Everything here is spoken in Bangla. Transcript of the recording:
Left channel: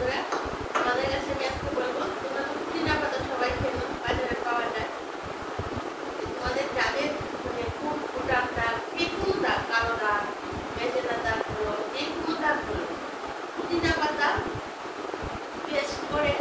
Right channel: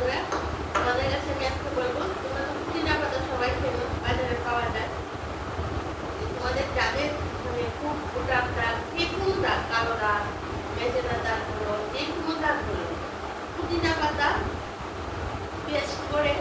বন্ধুরা, তোমাদের কাছে আমি আজকে বলবো, তোমরা তো পুদিনা পাতা সবাই চেনো, বাজারে পাওয়া যায়। তোমাদের যাদের মানে খুব দাগ, যে কোনো দাগ, কালো দাগ, মেজেনা দাগ, যে কোনো দাগগুলো পুদিনা পাতা পেস্ট করে